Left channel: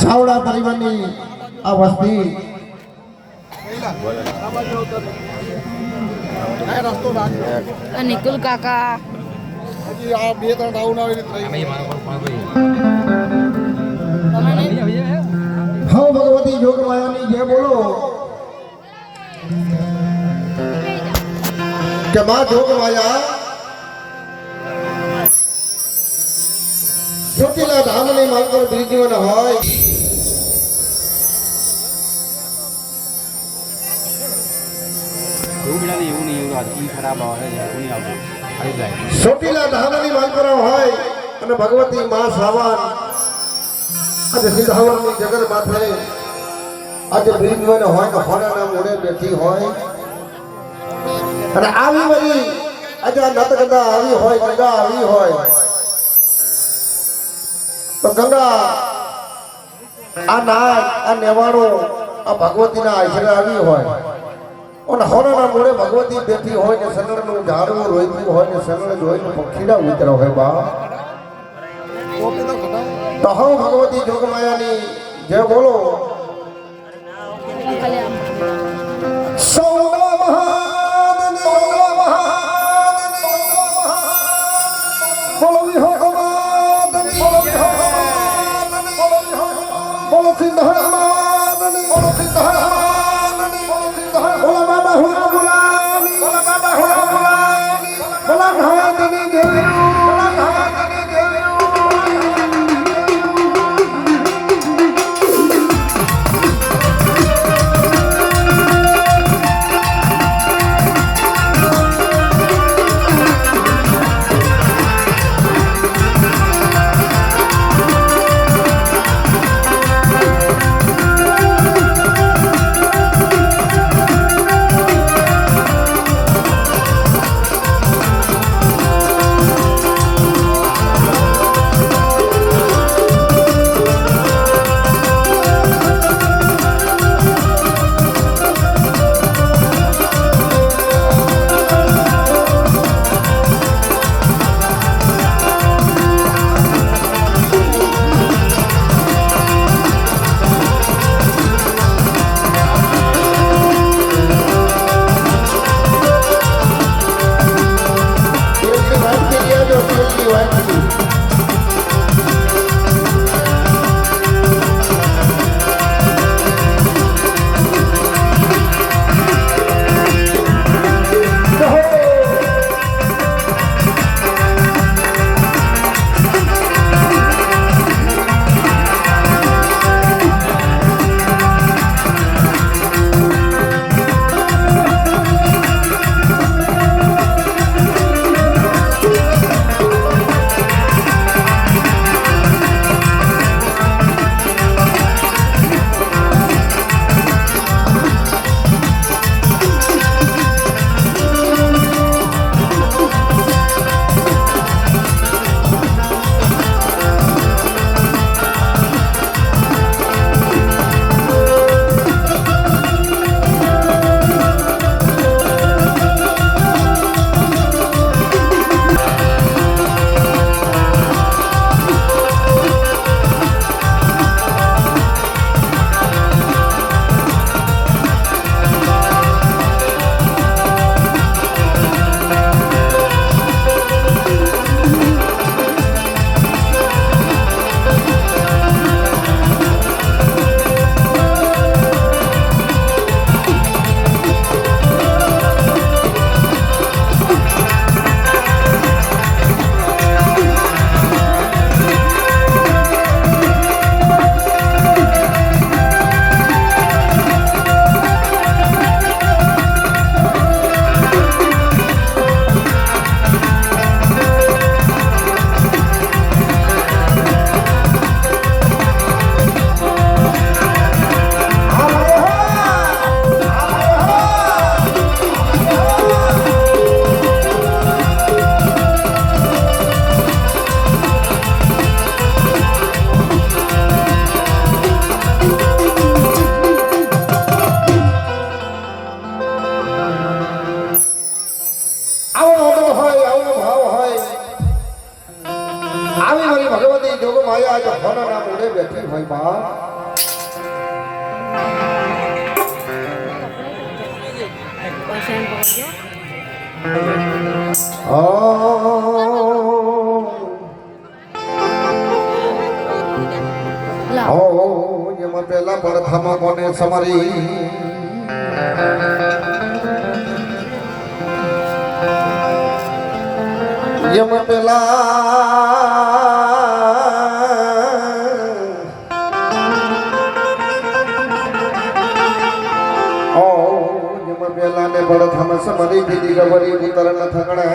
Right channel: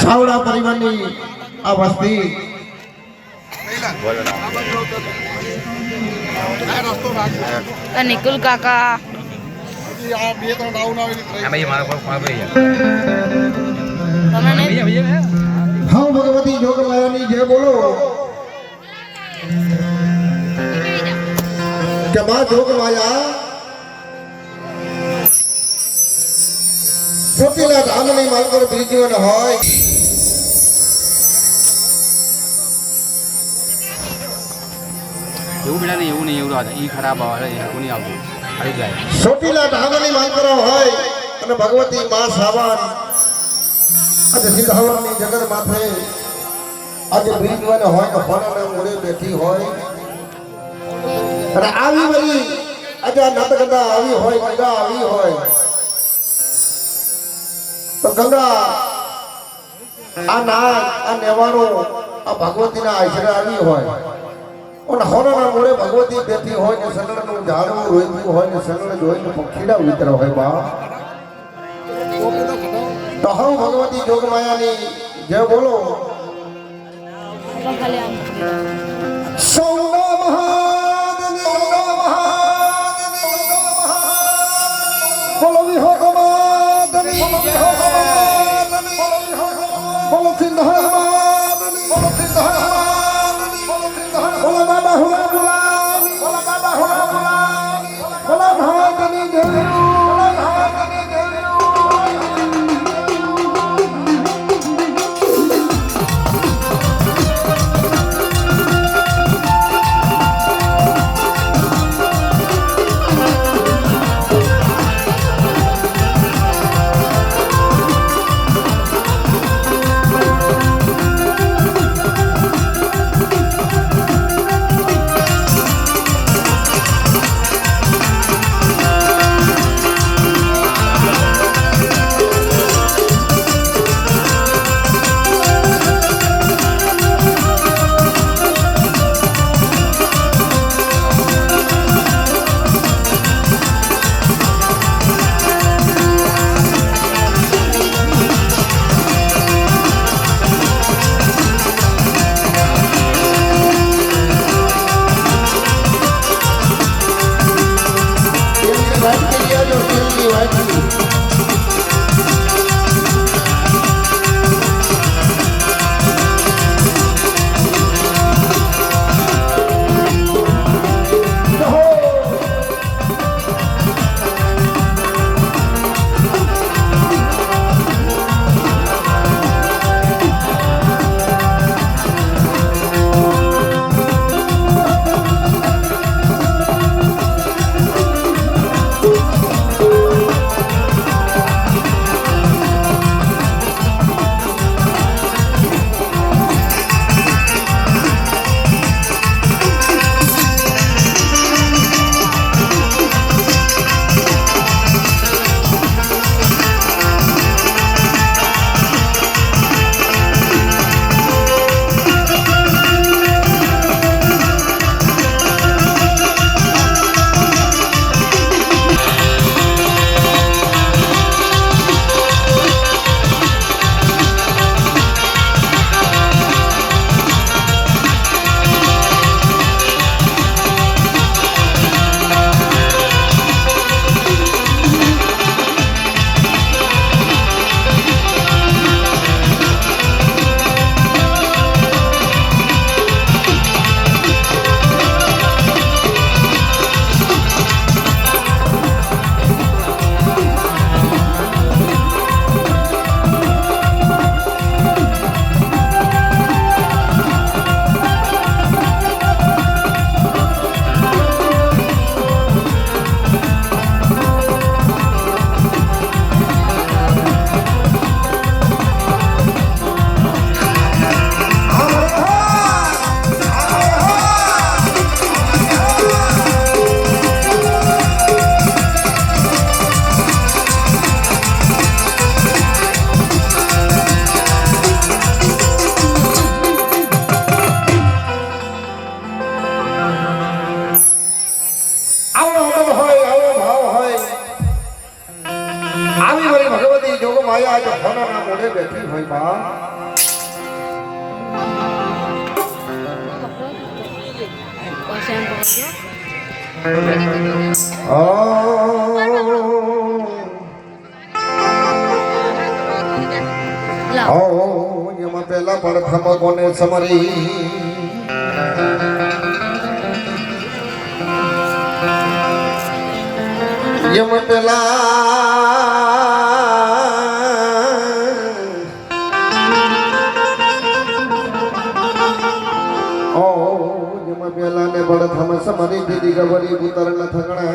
છાવડા પરિવારની આ વસ્તી નિકુલ કાકા હા ભગવતી જોગમાયાની જય બોલો કે માં જોગમાયા ચોટીલા ધામની માલકર બીજીઓ ન હોય ચોટીલા ધામની માલકર હોય અને ભગવતી માં સાવન અને સિદ્ધાવરની જગત માથે આજે બીજીઓ ન હોય કે હોનાના મોડે બેઠી હોય અને આવી વળી આજે નતગદા આવી હોય ગંગા આવી હોય તો ગંગા આ નાગ આ નેવાણો આ ભગવતીના આશરે આવી હોય અને હોનાના મોડે ભગવતી બેઠી હોય ને સનળનું ઝાડવું રોઈતું હોય ને સનળ જોઈને પંખીડા ઉતર હોય બા તો હું ભગવતી જોગમાયાની જય બોલો આવી મારી ભગવતી જોગ માયા આજે હોના નામ ઉડે બેઠી હોય બા એમાં પેલા પડથમ કોને સમરી એમાં પેલા પેલા ને પડથમ સમરી દીદી ગવરી ઉતર ન થકડે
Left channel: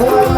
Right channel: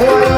હોય